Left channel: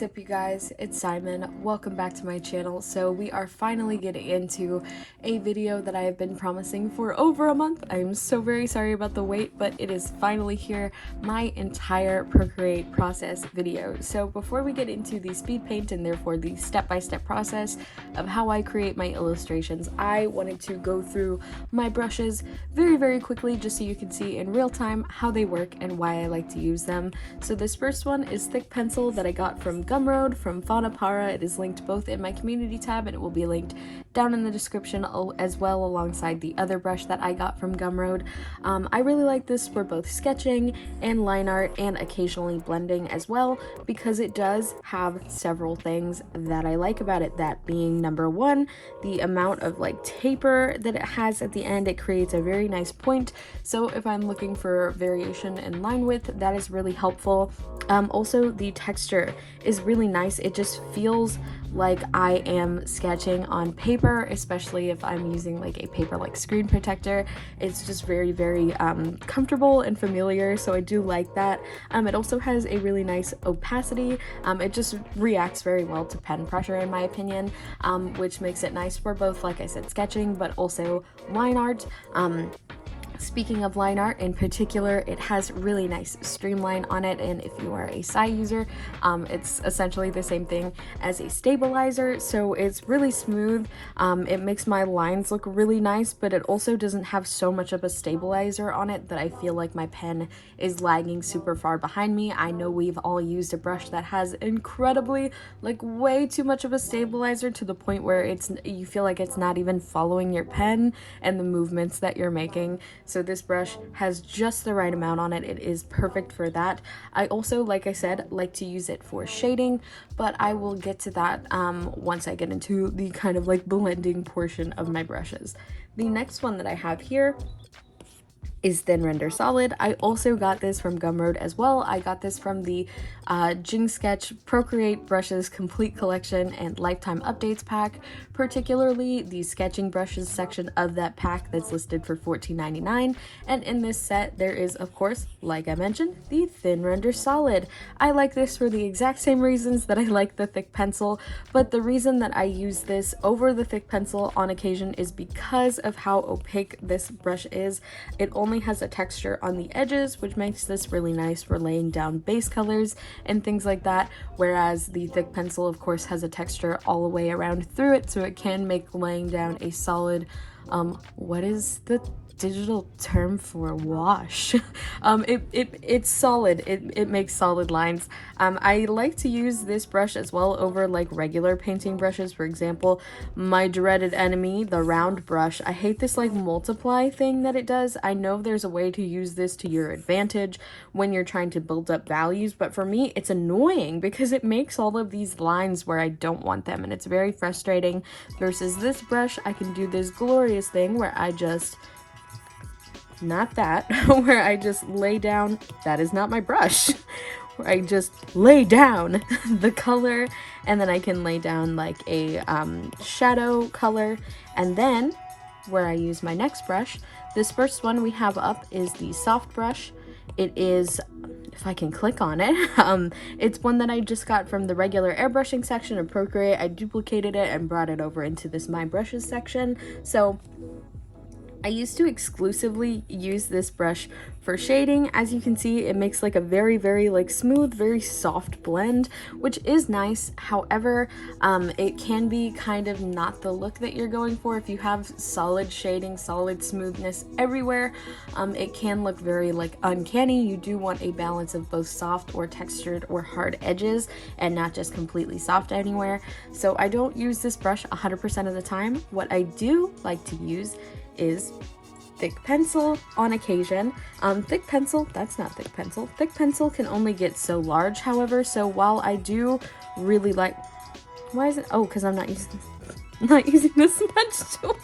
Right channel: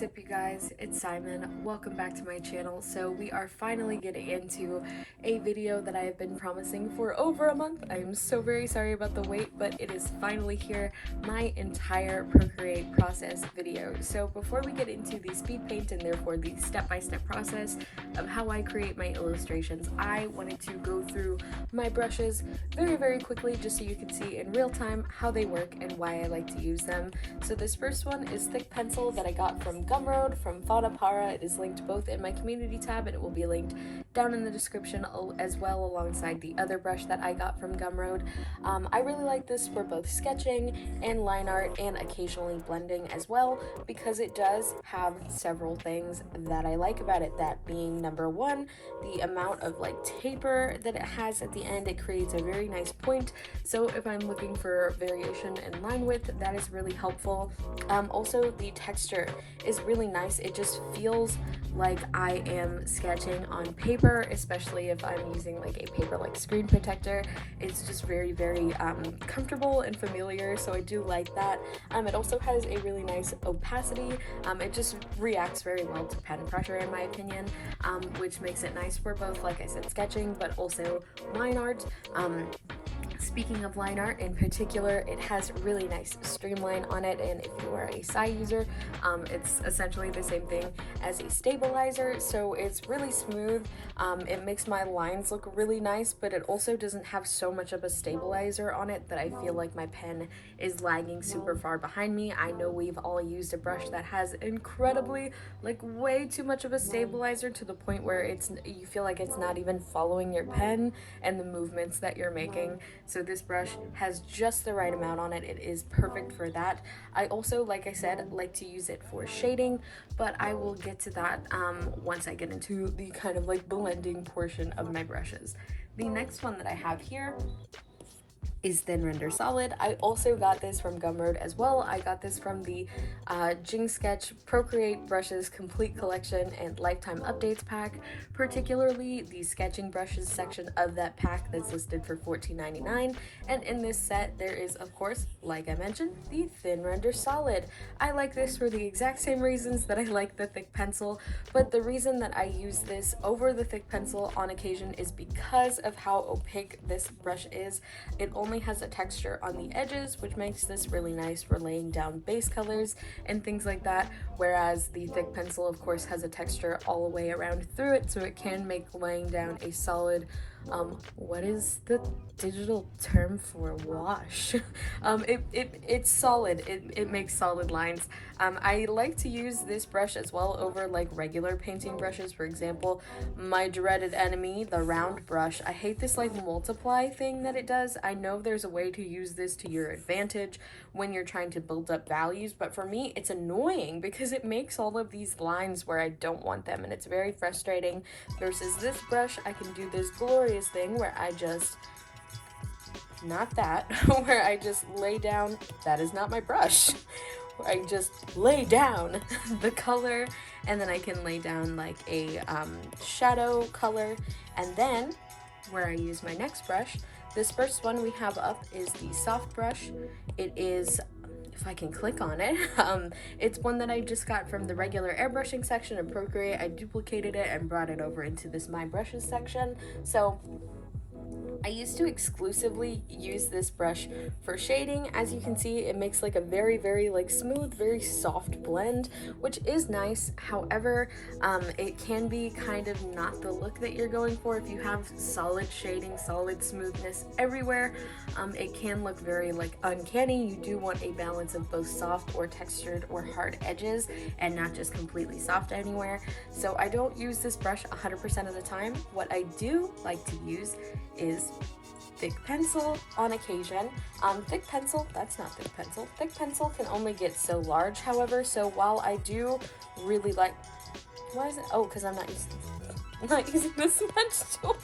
What's up, you guys? It's Simon. Welcome back to my channel. So we are finally getting into a video that I have been promising for over a month. I am so very sorry about the wait, but it is finally here, my entire Procreate process video. So before we get into the speed paint and therefore the step-by-step process of how I create my illustrations, I wanted to go through my brushes very quickly just so you can see in real time how they work and why I like to use them. So this first one is Thick Pencil that I got from Gumroad from Fauna. It is linked both in my community tab and it will be linked down in the description as well alongside the other brush that I got from Gumroad. I really like this for both sketching and line art and occasionally blending as well because it does have several things that I like about it, that being number one, the amount of like taper that it has at the end. It creates a very nice point, so if I'm looking for variation in line width, that is really helpful. Also, the texture is really nice. It just feels like I am sketching on paper, especially if I'm using like a paper like screen protector. It's just very comfortable and familiar, so I do like that. It also has a really nice opacity. It just reacts very well to pen pressure in my opinion, which makes it nice for both, like I said, sketching but also line art. Speaking of line art in particular, it has really nice streamline on it, and if you are a Psy user, it's essentially the same thing as a stabilizer, so it's really smooth. It makes my lines look really nice, but it also doesn't have so much of a stabilizer on it that I feel like my pen is lagging super far behind me. I know we've all used a brush that has incredibly, like way too much of a stabilizer to the point where you feel like it's not even following your pen and the movements that you're making. So this brush has just the right amount on it. It is perfect for that. I also, like I said, like to use it for shading, but I will get to that once I get into the kind of like blending portion of my brushes. The next one that I have here is Thin Render Solid. I also got this from Gumroad as well. I got this from the Jing Sketch Procreate Brushes Complete Collection and Lifetime Updates pack, particularly the sketching brushes section of that pack that's listed for $14.99. And in this set, there is, of course, like I mentioned, the Thin Render Solid. I like this for the exact same reasons that I like the Thick Pencil, but the reason that I use this over the Thick Pencil on occasion is because of how opaque this brush is. It only has a texture on the edges, which makes this really nice for laying down base colors and things like that, whereas the Thick Pencil of course has a texture all the way around through it, so it can make laying down a solid what is the digital term for wash? It's solid. It makes solid lines. I like to use this brush as well over like regular painting brushes. For example, my dreaded enemy, the round brush. I hate this like multiply thing that it does. I know there's a way to use this to your advantage when you're trying to build up values, but for me it's annoying because it makes all of these lines where I don't want them, and it's very frustrating. Versus this brush, I can do this glorious thing where I just, not that, where I just lay down, that is not my brush, where I just lay down the color, and then I can lay down like a shadow color, and then where I use my next brush, this first one we have up is the soft brush. It is, if I can click on it, it's one that I just got from the regular airbrushing section of Procreate. I duplicated it and brought it over into this My Brushes section. So I used to exclusively use this brush for shading. As you can see, it makes like a very like smooth, very soft blend, which is nice. However, it can be kind of not the look that you're going for. If you have solid shading, solid smoothness everywhere, it can look very like uncanny. You do want a balance of both soft or textured or hard edges and not just completely soft anywhere. So I don't use this brush 100% of the time. What I do like to use is Thick Pencil on occasion. Thick Pencil, that's not Thick Pencil. Thick Pencil can only get so large, however, so while I do really like, why is it, oh, because I'm not using this smudge tool.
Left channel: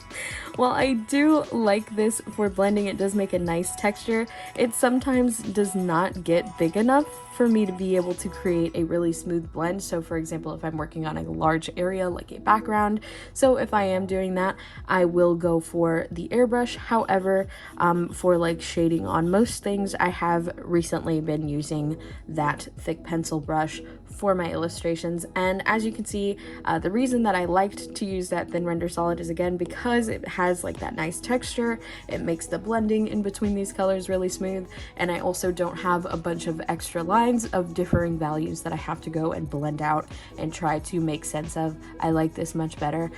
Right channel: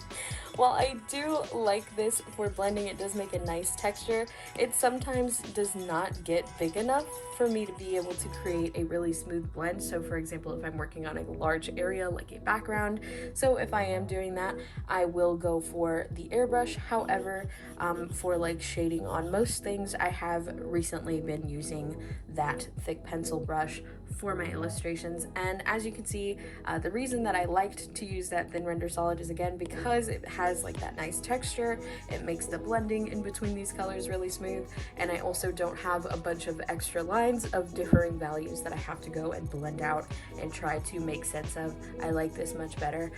While I do like this for blending, it does make a nice texture. It sometimes does not get big enough for me to be able to create a really smooth blend. So for example, if I'm working on a large area like a background, so if I am doing that, I will go for the airbrush. However, for like shading on most things, I have recently been using that Thick Pencil brush for my illustrations. And as you can see, the reason that I liked to use that thin render solid is again because it has like that nice texture. It makes the blending in between these colors really smooth, and I also don't have a bunch of extra lines of differing values that I have to go and blend out and try to make sense of. I like this much better.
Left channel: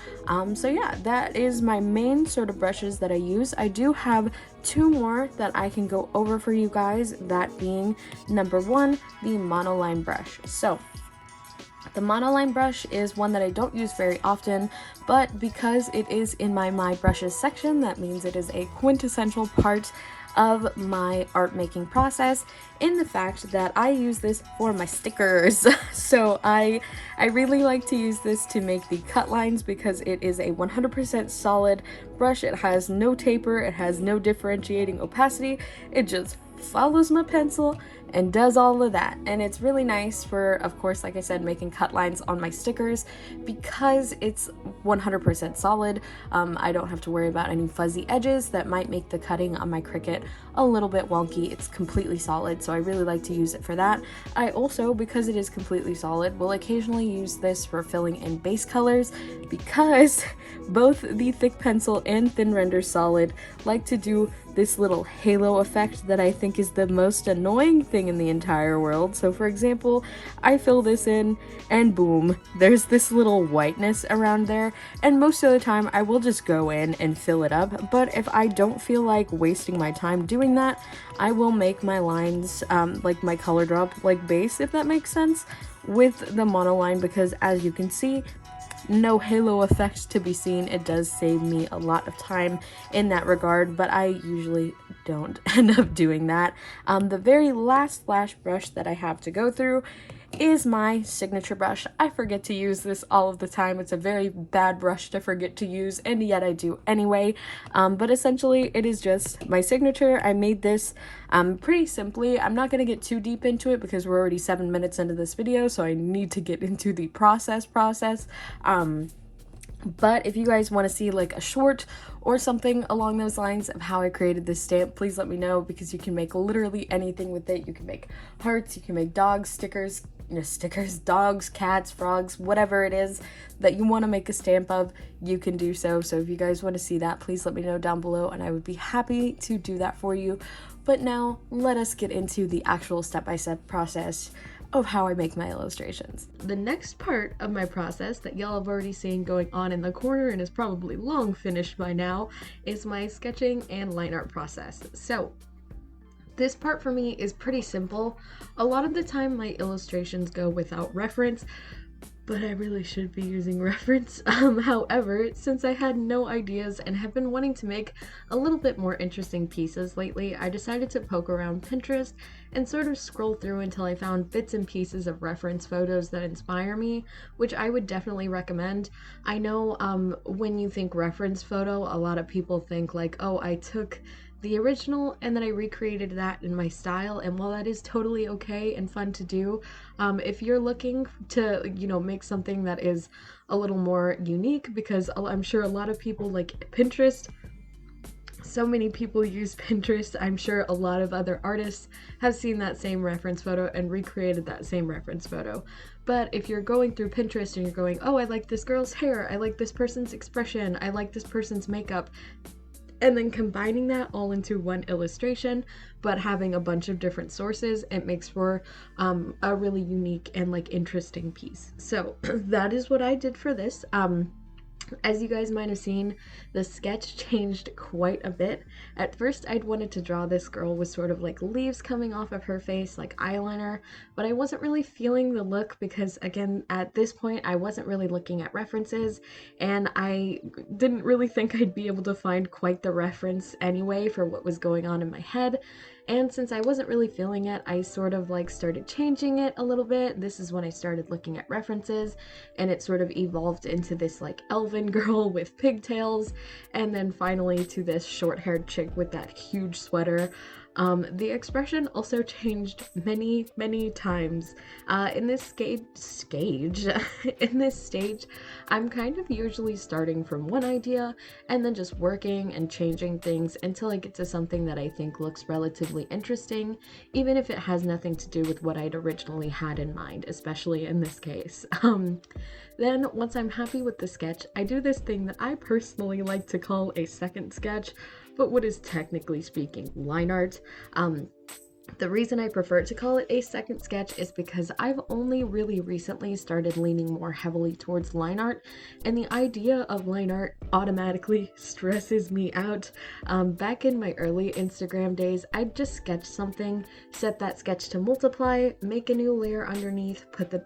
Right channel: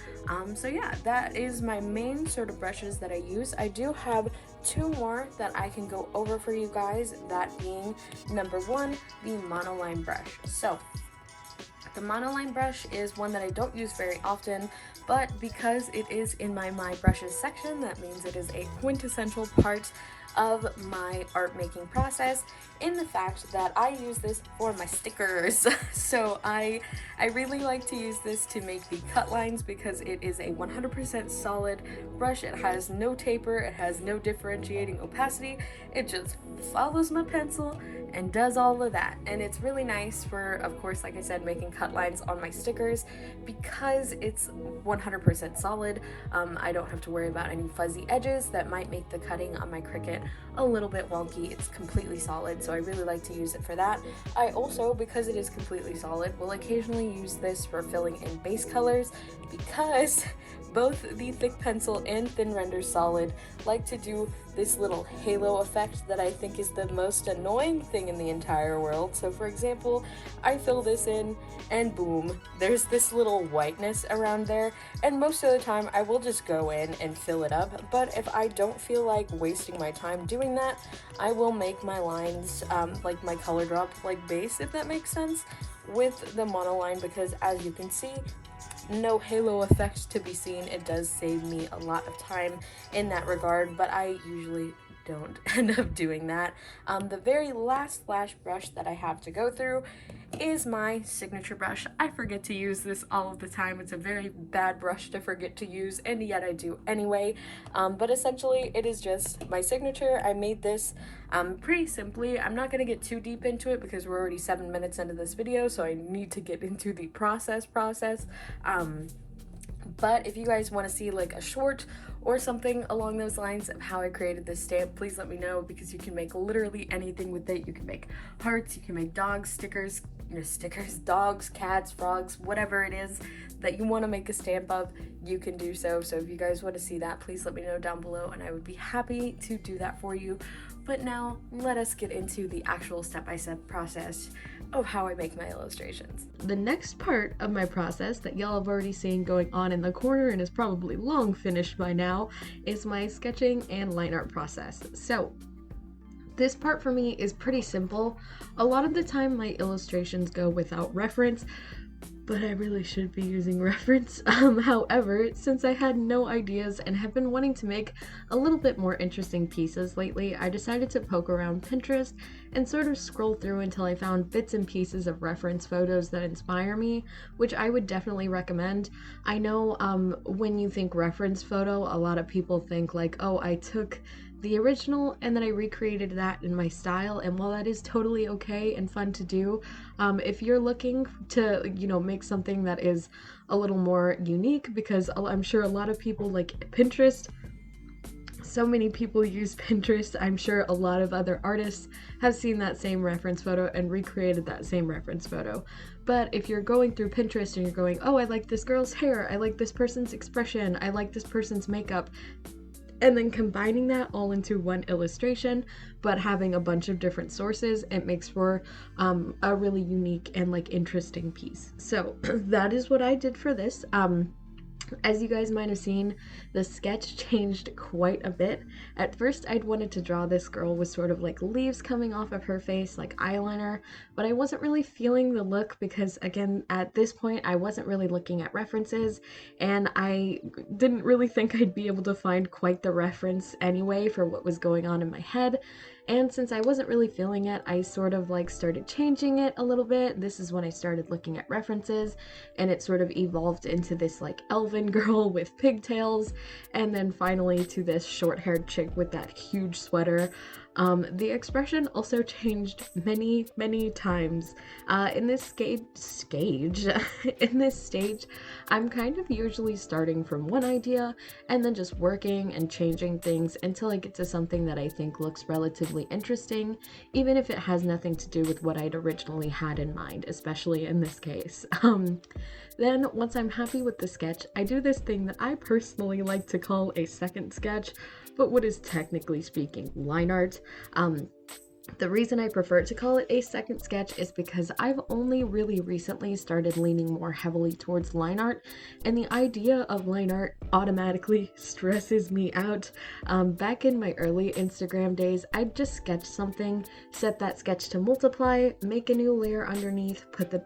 So yeah, that is my main sort of brushes that I use. I do have two more that I can go over for you guys, that being number one, the monoline brush. So the monoline brush is one that I don't use very often, but because it is in my brushes section, that means it is a quintessential part of my art making process, in the fact that I use this for my stickers. So I really like to use this to make the cut lines because it is a 100% solid brush. It has no taper, it has no differentiating opacity, it just follows my pencil and does all of that. And it's really nice for, of course, like I said, making cut lines on my stickers because it's 100% solid. I don't have to worry about any fuzzy edges that might make the cutting on my Cricut a little bit wonky. It's completely solid, so I really like to use it for that. I also, because it is completely solid, will occasionally use this for filling in base colors because both the thick pencil and thin render solid like to do this little halo effect that I think is the most annoying thing in the entire world. So for example, I fill this in and boom, there's this little whiteness around there, and most of the time I will just go in and fill it up. But if I don't feel like wasting my time doing that, I will make my lines like my color drop like base, if that makes sense, with the monoline, because as you can see, no halo effect to be seen. It does save me a lot of time in that regard, but I usually don't end up doing that. The very last flash brush that I have to go through is my signature brush. I forget to use this all of the time. It's a very bad brush to forget to use, and yet I do anyway. But essentially it is just my signature. I made this pretty simply. I'm not going to get too deep into it because we're already 7 minutes into this video, so I need to get into the process. But if you guys want to see like a short or something along those lines of how I created this stamp, please let me know, because you can make literally anything with it. You can make hearts, you can make dogs, stickers, dogs, cats, frogs, whatever it is that you want to make a stamp of, you can do so. So if you guys want to see that, please let me know down below and I would be happy to do that for you. But now let us get into the actual step-by-step process of how I make my illustrations. The next part of my process that y'all have already seen going on in the corner and is probably long finished by now is my sketching and line art process. So this part for me is pretty simple. A lot of the time my illustrations go without reference, but I really should be using reference. However, since I had no ideas and have been wanting to make a little bit more interesting pieces lately, I decided to poke around Pinterest and sort of scroll through until I found bits and pieces of reference photos that inspire me, which I would definitely recommend. I know when you think reference photo, a lot of people think like, oh, I took the original and then I recreated that in my style, and while that is totally okay and fun to do, if you're looking to, you know, make something that is a little more unique, because I'm sure a lot of people like Pinterest, so many people use Pinterest, I'm sure a lot of other artists have seen that same reference photo and recreated that same reference photo. But if you're going through Pinterest and you're going, oh, I like this girl's hair, I like this person's expression, I like this person's makeup, and then combining that all into one illustration, but having a bunch of different sources, it makes for a really unique and like interesting piece. So that is what I did for this. As you guys might have seen, the sketch changed quite a bit. At first, I'd wanted to draw this girl with sort of like leaves coming off of her face, like eyeliner, but I wasn't really feeling the look because, again, at this point, I wasn't really looking at references, and I didn't really think I'd be able to find quite the reference anyway for what was going on in my head. And since I wasn't really feeling it, I sort of like started changing it a little bit. This is when I started looking at references, and it sort of evolved into this like elven girl with pigtails, and then finally to this short-haired chick with that huge sweater. The expression also changed many times. In this in this stage, I'm kind of usually starting from one idea and then just working and changing things until I get to something that I think looks relatively interesting, even if it has nothing to do with what I'd originally had in mind, especially in this case. Then once I'm happy with the sketch, I do this thing that I personally like to call a second sketch, but what is technically speaking line art. The reason I prefer to call it a second sketch is because I've only really recently started leaning more heavily towards line art, and the idea of line art automatically stresses me out. Back in my early Instagram days, I'd just sketch something, set that sketch to multiply, make a new layer underneath, put the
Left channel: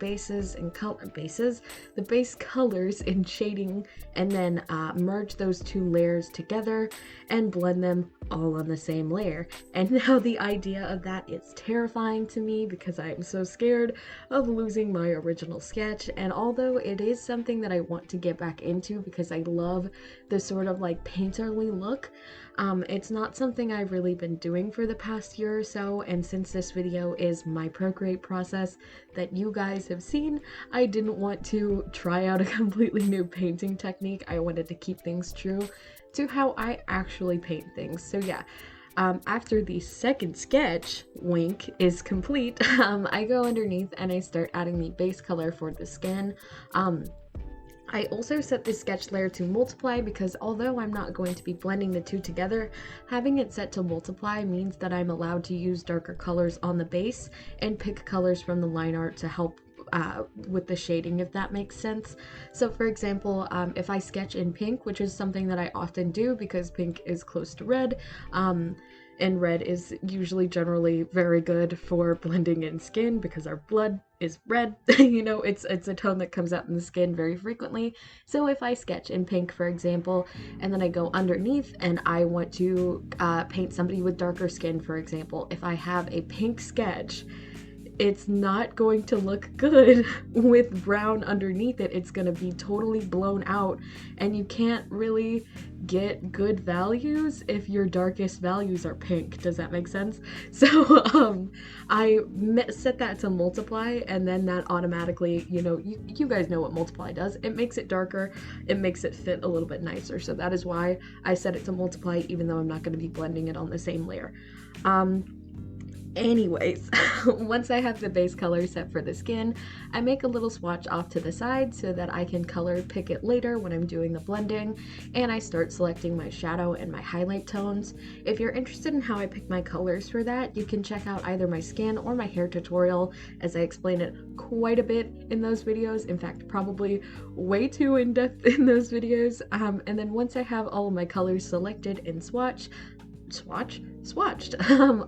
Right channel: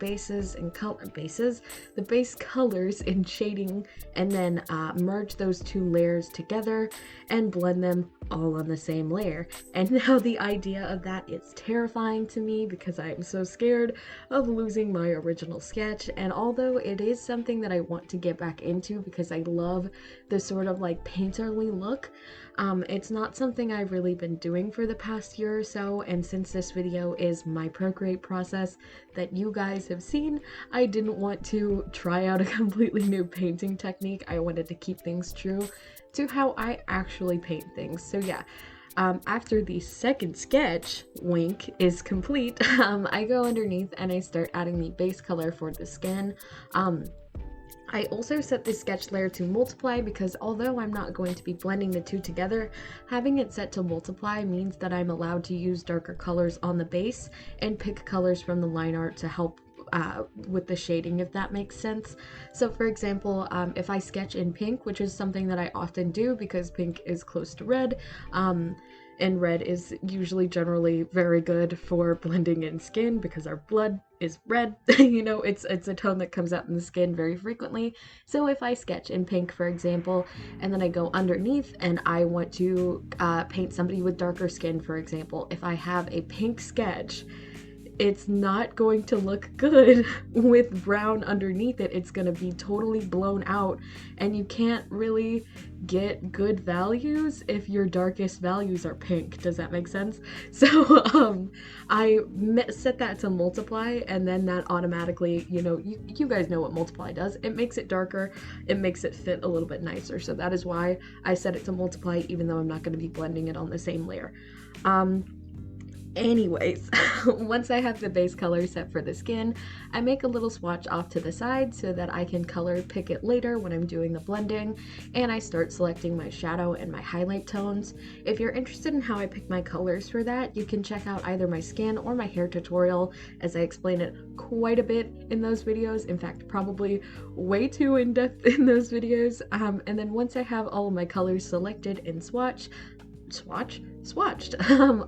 the base colors in shading, and then merge those two layers together and blend them all on the same layer. And now the idea of that is terrifying to me because I'm so scared of losing my original sketch. And although it is something that I want to get back into because I love the sort of like painterly look, it's not something I've really been doing for the past year or so. And since this video is my Procreate process that you guys have seen, I didn't want to try out a completely new painting technique. I wanted to keep things true to how I actually paint things. So yeah, after the second sketch, wink, is complete, I go underneath and I start adding the base color for the skin. I also set this sketch layer to multiply because although I'm not going to be blending the two together, having it set to multiply means that I'm allowed to use darker colors on the base and pick colors from the line art to help with the shading, if that makes sense. So for example, if I sketch in pink, which is something that I often do because pink is close to red, and red is usually generally very good for blending in skin because our blood is red. You know, it's a tone that comes out in the skin very frequently. So if I sketch in pink, for example, and then I go underneath and I want to paint somebody with darker skin, for example, if I have a pink sketch, it's not going to look good with brown underneath it. It's going to be totally blown out, and you can't really get good values if your darkest values are pink. Does that make sense? So I set that to multiply, and then that automatically, you know, you guys know what multiply does. It makes it darker, it makes it fit a little bit nicer. So that is why I set it to multiply, even though I'm not going to be blending it on the same layer. Anyways, once I have the base color set for the skin, I make a little swatch off to the side so that I can color pick it later when I'm doing the blending, and I start selecting my shadow and my highlight tones. If you're interested in how I pick my colors for that, you can check out either my skin or my hair tutorial, as I explain it quite a bit in those videos. In fact, probably way too in-depth in those videos. And then once I have all of my colors selected and swatched,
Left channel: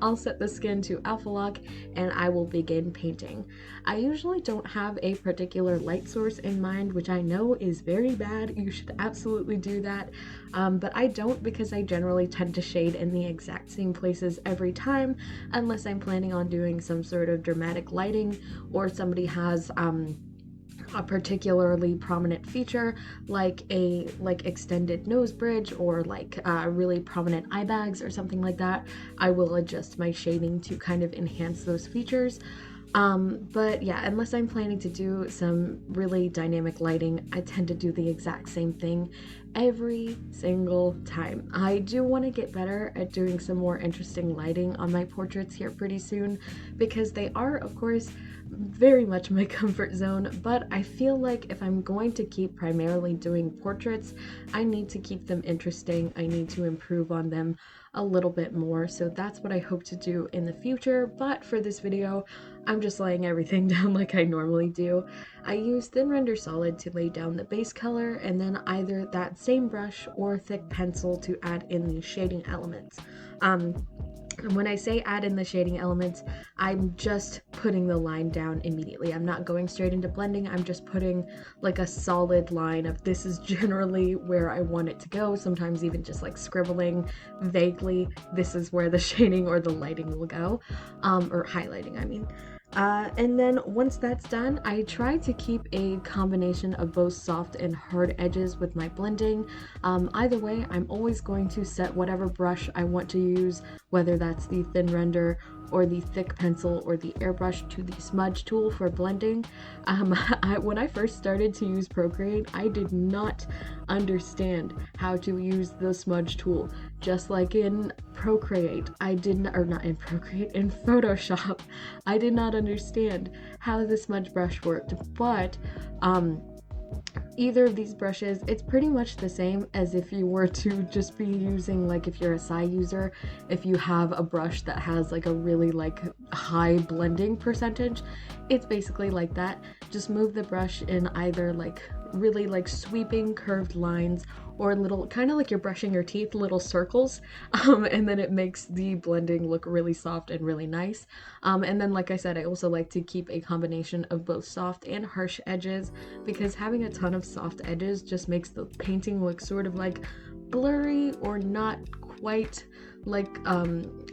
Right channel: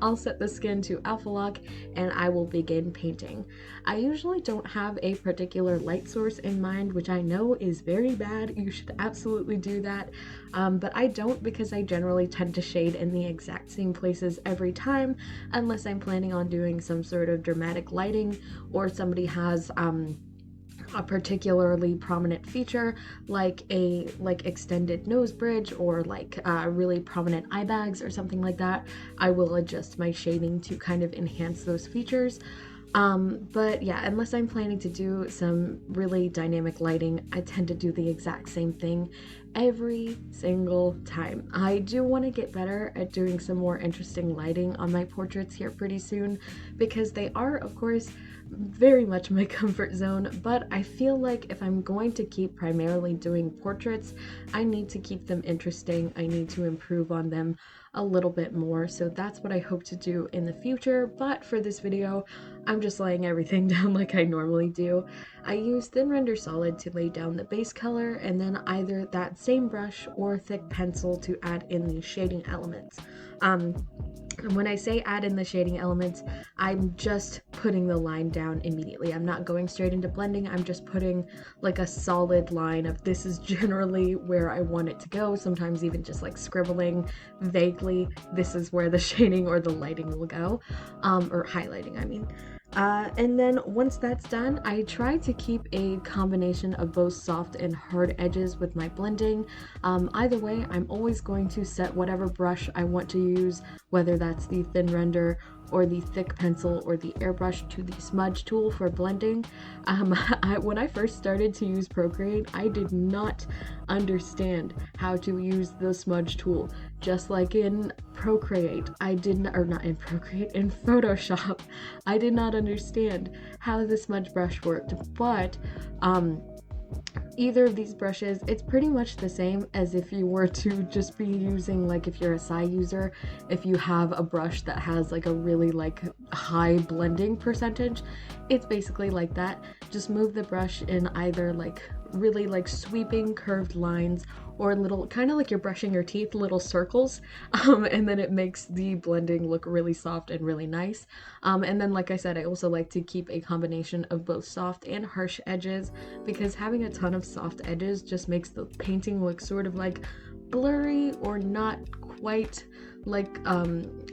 I'll set the skin to alpha lock and I will begin painting. I usually don't have a particular light source in mind, which I know is very bad. You should absolutely do that, but I don't, because I generally tend to shade in the exact same places every time unless I'm planning on doing some sort of dramatic lighting or somebody has a particularly prominent feature like extended nose bridge or like really prominent eye bags or something like that. I will adjust my shading to kind of enhance those features. But yeah, unless I'm planning to do some really dynamic lighting, I tend to do the exact same thing every single time. I do want to get better at doing some more interesting lighting on my portraits here pretty soon, because they are, of course, very much my comfort zone, but I feel like if I'm going to keep primarily doing portraits, I need to keep them interesting. I need to improve on them a little bit more, so that's what I hope to do in the future. But for this video, I'm just laying everything down like I normally do. I use thin render solid to lay down the base color, and then either that same brush or thick pencil to add in the shading elements. And when I say add in the shading elements, I'm just putting the line down immediately. I'm not going straight into blending. I'm just putting like a solid line of this is generally where I want it to go. Sometimes even just like scribbling vaguely, this is where the shading or the lighting will go, or highlighting, I mean. And then once that's done, I try to keep a combination of both soft and hard edges with my blending. Either way, I'm always going to set whatever brush I want to use, whether that's the thin render or the thick pencil or the airbrush, to the smudge tool for blending. When I first started to use Procreate, I did not understand how to use the smudge tool. Just like in Procreate, I didn't, or not in Procreate, in Photoshop, I did not understand how the smudge brush worked, but either of these brushes, it's pretty much the same as if you were to just be using, like if you're a Psy user, if you have a brush that has like a really like high blending percentage, it's basically like that. Just move the brush in either like really like sweeping curved lines or little, kind of like you're brushing your teeth, little circles, and then it makes the blending look really soft and really nice. And then like I said, I also like to keep a combination of both soft and harsh edges, because having a ton of soft edges just makes the painting look sort of like blurry or not quite like,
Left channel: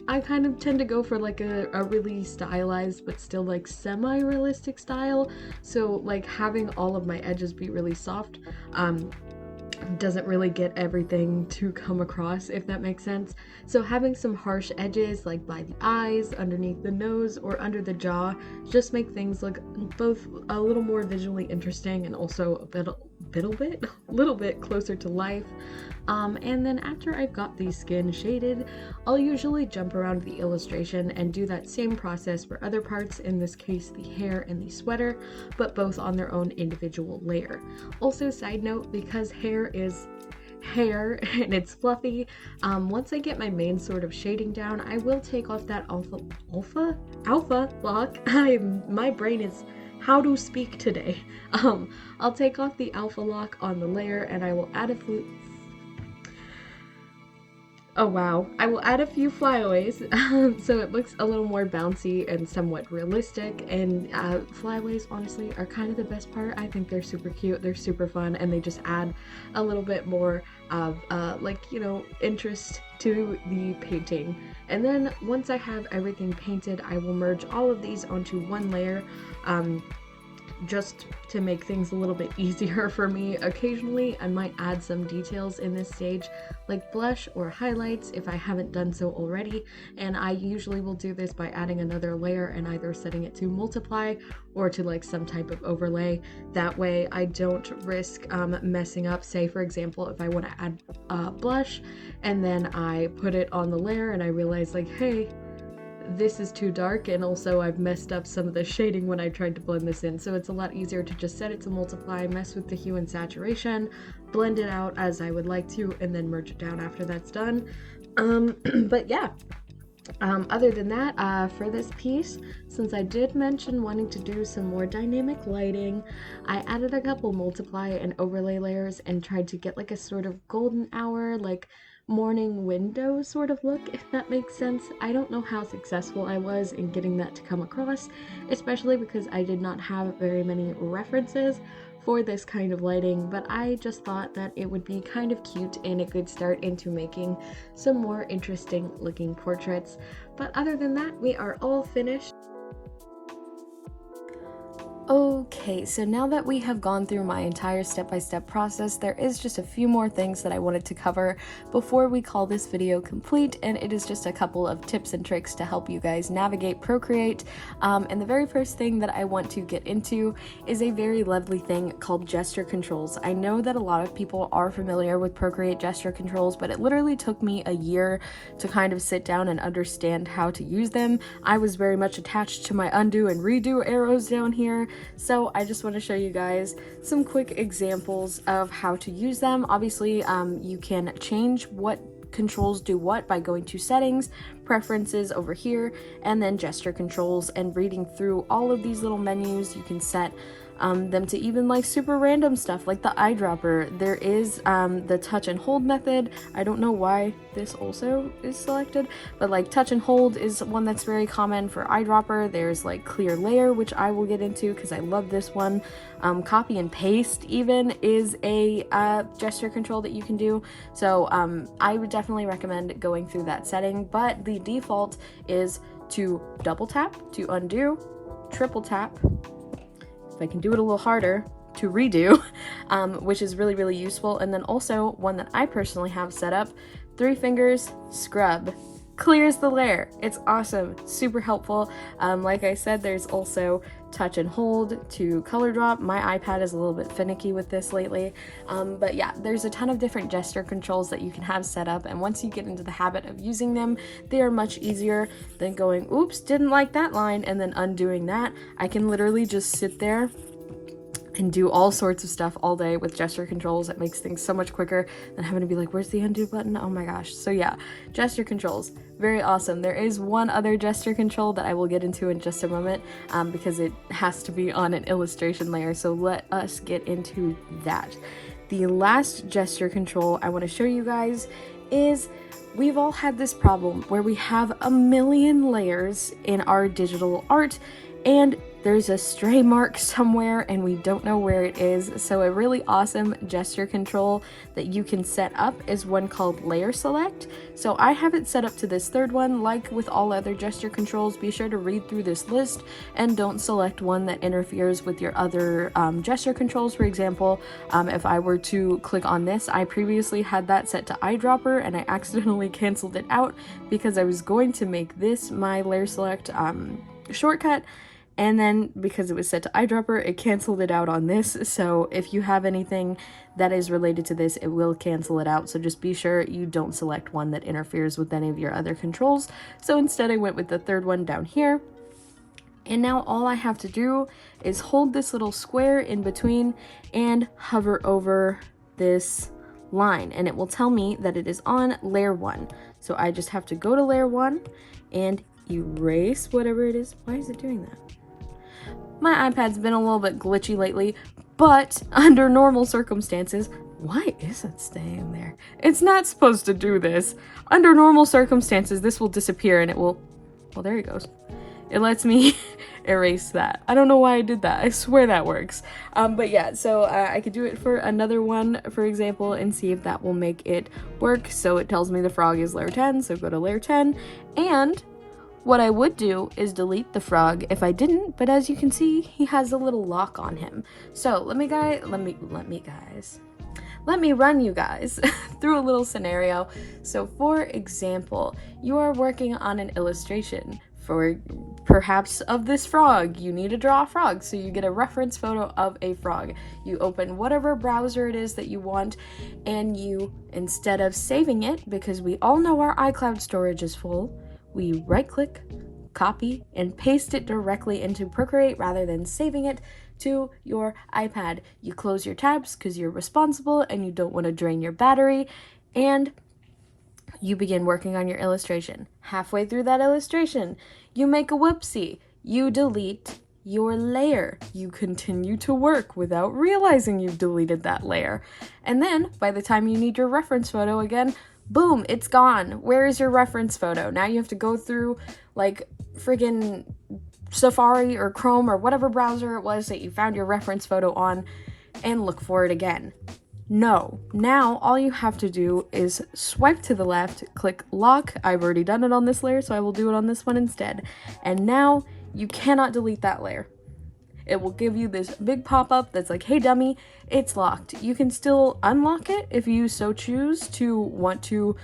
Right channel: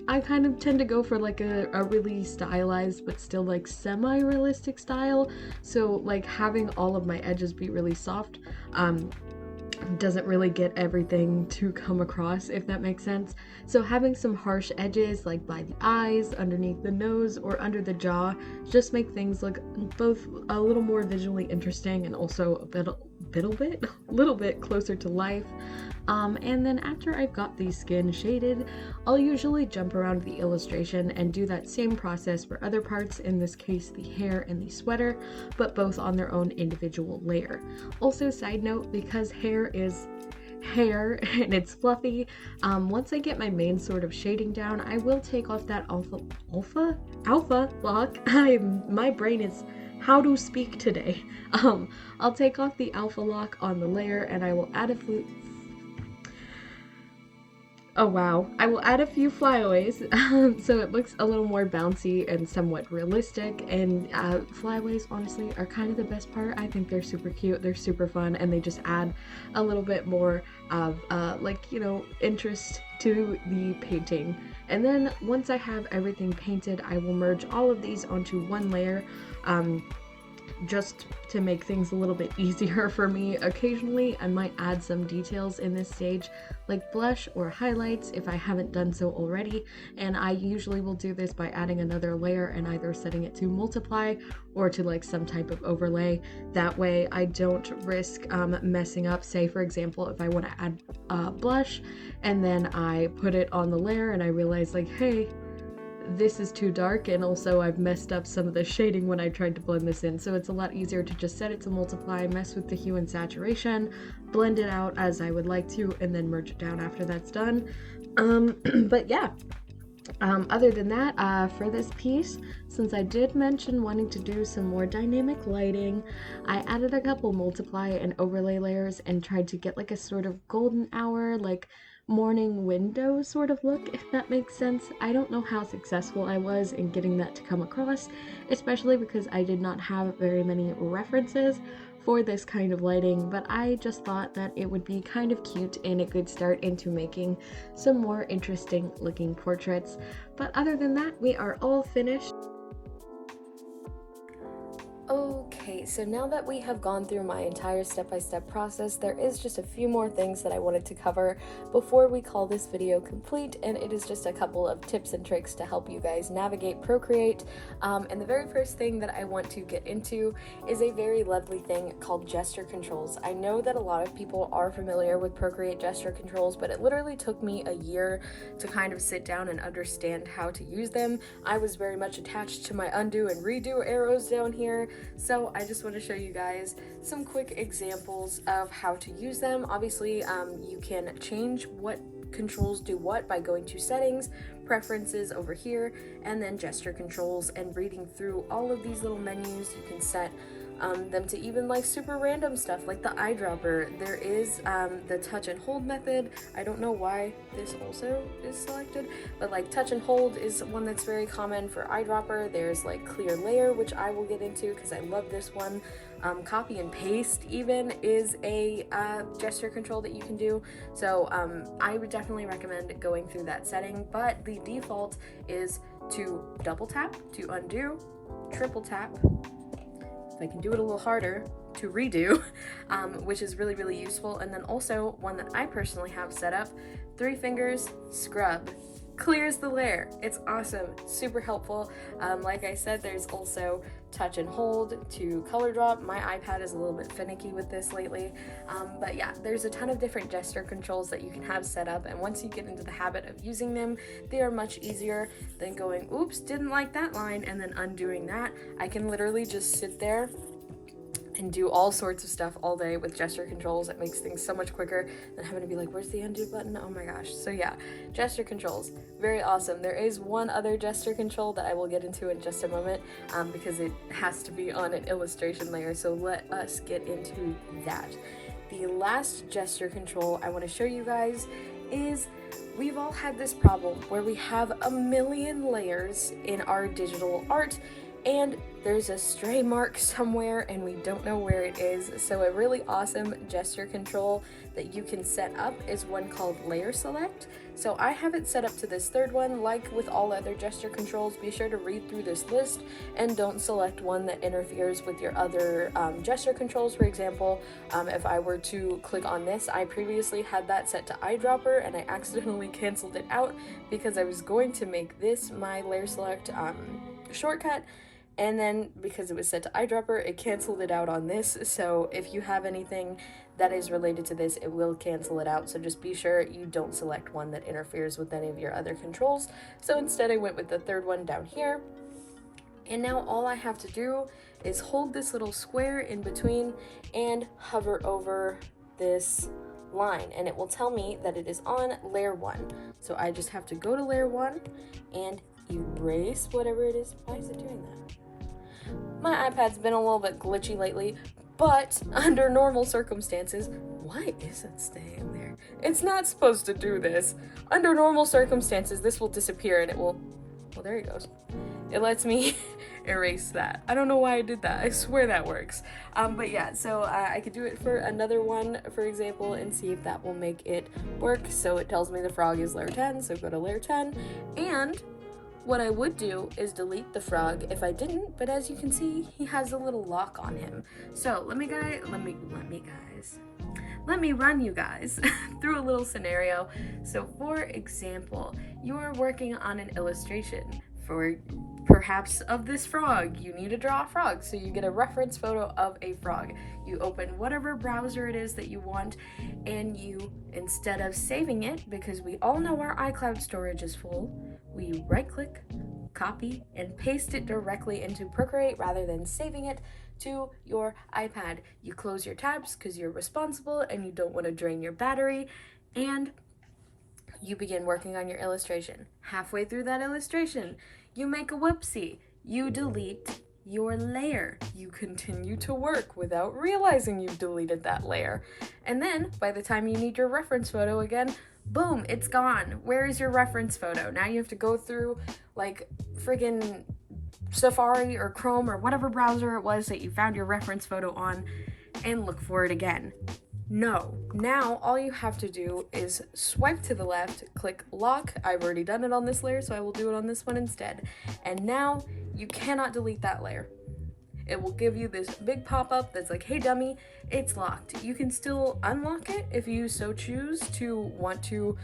I kind of tend to go for like a really stylized but still like semi-realistic style, so like having all of my edges be really soft doesn't really get everything to come across, if that makes sense. So having some harsh edges like by the eyes, underneath the nose, or under the jaw just make things look both a little more visually interesting and also a little bit closer to life. And then after I've got the skin shaded, I'll usually jump around the illustration and do that same process for other parts, in this case the hair and the sweater, but both on their own individual layer. Also, side note, because hair is hair and it's fluffy, once I get my main sort of shading down, I will take off that alpha lock. My brain is how to speak today. I'll take off the alpha lock on the layer and I will add I will add a few flyaways so it looks a little more bouncy and somewhat realistic. And flyaways honestly are kind of the best part. I think they're super cute, they're super fun, and they just add a little bit more of like, you know, interest to the painting. And then once I have everything painted, I will merge all of these onto one layer, just to make things a little bit easier for me. Occasionally I might add some details in this stage, like blush or highlights if I haven't done so already, and I usually will do this by adding another layer and either setting it to multiply or to like some type of overlay. That way I don't risk messing up. Say for example, if I want to add blush and then I put it on the layer and I realize like, hey, this is too dark, and also I've messed up some of the shading when I tried to blend this in. So it's a lot easier to just set it to multiply, mess with the hue and saturation, blend it out as I would like to, and then merge it down after that's done. But yeah, other than that, for this piece, since I did mention wanting to do some more dynamic lighting, I added a couple multiply and overlay layers and tried to get like a sort of golden hour, like morning window sort of look, if that makes sense. I don't know how successful I was in getting that to come across, especially because I did not have very many references for this kind of lighting, but I just thought that it would be kind of cute and a good start into making some more interesting looking portraits. But other than that, we are all finished. Okay, so now that we have gone through my entire step-by-step process, there is just a few more things that I wanted to cover before we call this video complete, and it is just a couple of tips and tricks to help you guys navigate Procreate. And the very first thing that I want to get into is a very lovely thing called gesture controls. I know that a lot of people are familiar with Procreate gesture controls, but it literally took me a year to kind of sit down and understand how to use them. I was very much attached to my undo and redo arrows down here. So I just want to show you guys some quick examples of how to use them. Obviously, you can change what controls do what by going to settings, preferences over here, and then gesture controls, and reading through all of these little menus. You can set them to even like super random stuff like the eyedropper. There is the touch and hold method. I don't know why this also is selected, but like touch and hold is one that's very common for eyedropper. There's like clear layer, which I will get into because I love this one. Copy and paste even is a gesture control that you can do. So I would definitely recommend going through that setting, but the default is to double tap to undo, triple tap, if I can do it a little harder, to redo, which is really, really useful. And then also one that I personally have set up, 3 fingers, scrub, clears the layer. It's awesome, super helpful. Like I said, there's also touch and hold to color drop. My iPad is a little bit finicky with this lately, but yeah, there's a ton of different gesture controls that you can have set up, and once you get into the habit of using them, they are much easier than going, oops, didn't like that line, and then undoing that. I can literally just sit there and do all sorts of stuff all day with gesture controls. It makes things so much quicker than having to be like, where's the undo button? Oh my gosh. So yeah, gesture controls, very awesome. There is one other gesture control that I will get into in just a moment, because it has to be on an illustration layer. So let us get into that. The last gesture control I want to show you guys is, we've all had this problem where we have a million layers in our digital art, and there's a stray mark somewhere and we don't know where it is. So a really awesome gesture control that you can set up is one called layer select. So I have it set up to this third one. Like with all other gesture controls, be sure to read through this list and don't select one that interferes with your other gesture controls. For example, if I were to click on this, I previously had that set to eyedropper and I accidentally canceled it out because I was going to make this my layer select shortcut, and then because it was set to eyedropper, it canceled it out on this. So if you have anything that is related to this, it will cancel it out. So just be sure you don't select one that interferes with any of your other controls. So instead I went with the third one down here. And now all I have to do is hold this little square in between and hover over this line, and it will tell me that it is on layer 1. So I just have to go to layer 1 and erase whatever it is. Why is it doing that? My iPad's been a little bit glitchy lately, but under normal circumstances, why is it staying there? It's not supposed to do this. Under normal circumstances, this will disappear and it will, well, there it goes. It lets me erase that. I don't know why I did that. I swear that works. But yeah, so I could do it for another one, for example, and see if that will make it work. So it tells me the frog is layer 10, so go to layer 10, and what I would do is delete the frog if I didn't, but as you can see, he has a little lock on him. So let me run you guys through a little scenario. So for example, you are working on an illustration for perhaps of this frog. You need to draw a frog, so you get a reference photo of a frog. You open whatever browser it is that you want, and you, instead of saving it, because we all know our iCloud storage is full, we right-click, copy, and paste it directly into Procreate rather than saving it to your iPad. You close your tabs because you're responsible and you don't want to drain your battery, and you begin working on your illustration. Halfway through that illustration, you make a whoopsie. You delete your layer. You continue to work without realizing you've deleted that layer. And then, by the time you need your reference photo again, boom, it's gone. Where is your reference photo? Now you have to go through like friggin' Safari or Chrome or whatever browser it was that you found your reference photo on and look for it again. No, now all you have to do is swipe to the left, click lock. I've already done it on this layer, so I will do it on this one instead. And now you cannot delete that layer. It will give you this big pop-up that's like, hey dummy, it's locked. You can still unlock it if you so choose to want to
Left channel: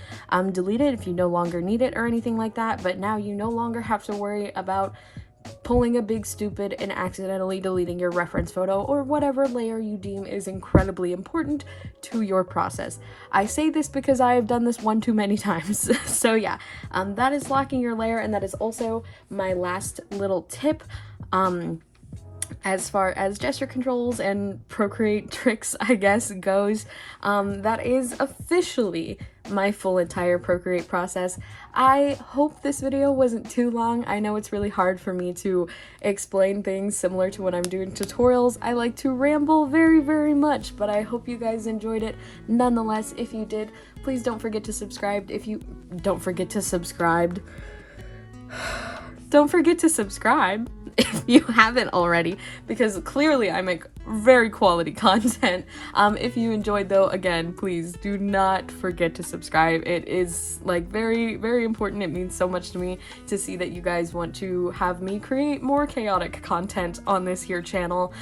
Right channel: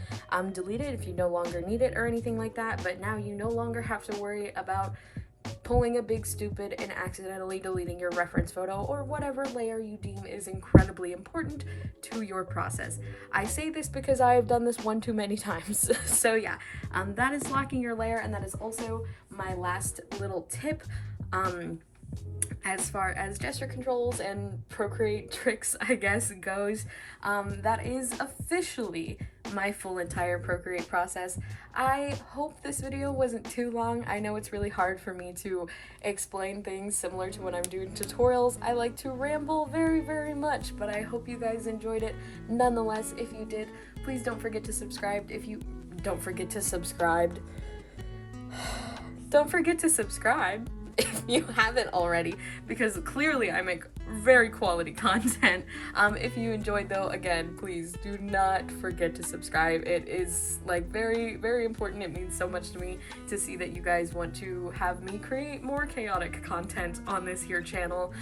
delete it if you no longer need it or anything like that, but now you no longer have to worry about pulling a big stupid and accidentally deleting your reference photo or whatever layer you deem is incredibly important to your process. I say this because I have done this one too many times. So yeah, that is locking your layer, and that is also my last little tip. As far as gesture controls and Procreate tricks, I guess, goes, that is officially my full entire Procreate process. I hope this video wasn't too long. I know it's really hard for me to explain things similar to when I'm doing tutorials. I like to ramble very, very much, but I hope you guys enjoyed it. Nonetheless, if you did, please don't forget to subscribe. Don't forget to subscribe if you haven't already, because clearly I make very quality content. If you enjoyed though, again, please do not forget to subscribe. It is like very, very important. It means so much to me to see that you guys want to have me create more chaotic content on this here channel.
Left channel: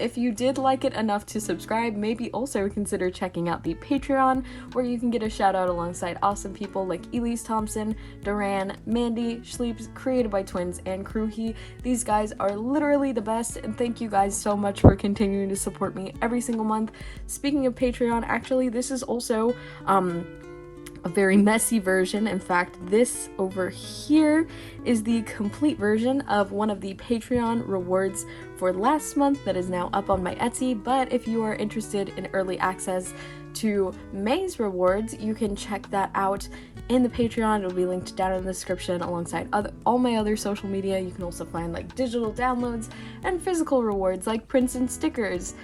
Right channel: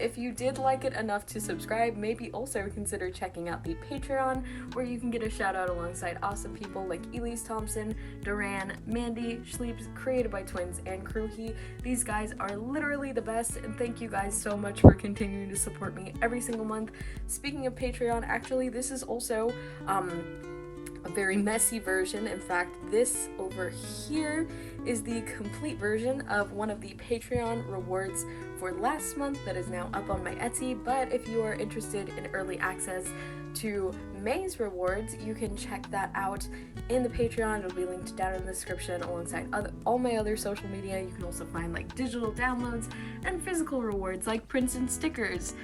If you did like it enough to subscribe, maybe also consider checking out the Patreon, where you can get a shout out alongside awesome people like Elise Thompson, Duran, Mandy, Schleeps, Created by Twins, and Kruhi. These guys are literally the best, and thank you guys so much for continuing to support me every single month. Speaking of Patreon, actually, this is also a very messy version. In fact, this over here is the complete version of one of the Patreon rewards for last month that is now up on my Etsy. But if you are interested in early access to May's rewards, you can check that out in the Patreon. It'll be linked down in the description alongside all my other social media. You can also find like digital downloads and physical rewards like prints and stickers.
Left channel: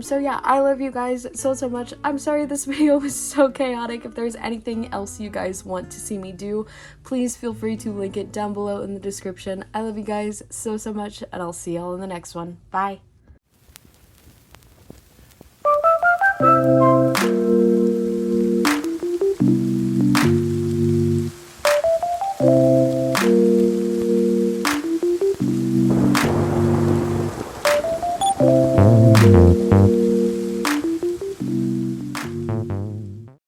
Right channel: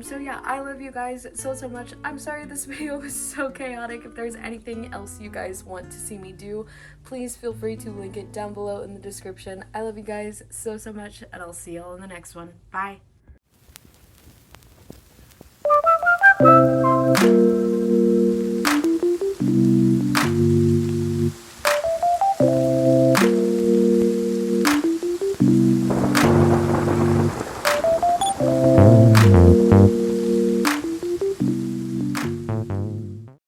So yeah, I love you guys so much. I'm sorry this video was so chaotic. If there's anything else you guys want to see me do, please feel free to link it down below in the description. I love you guys so much, and I'll see y'all in the next one. Bye.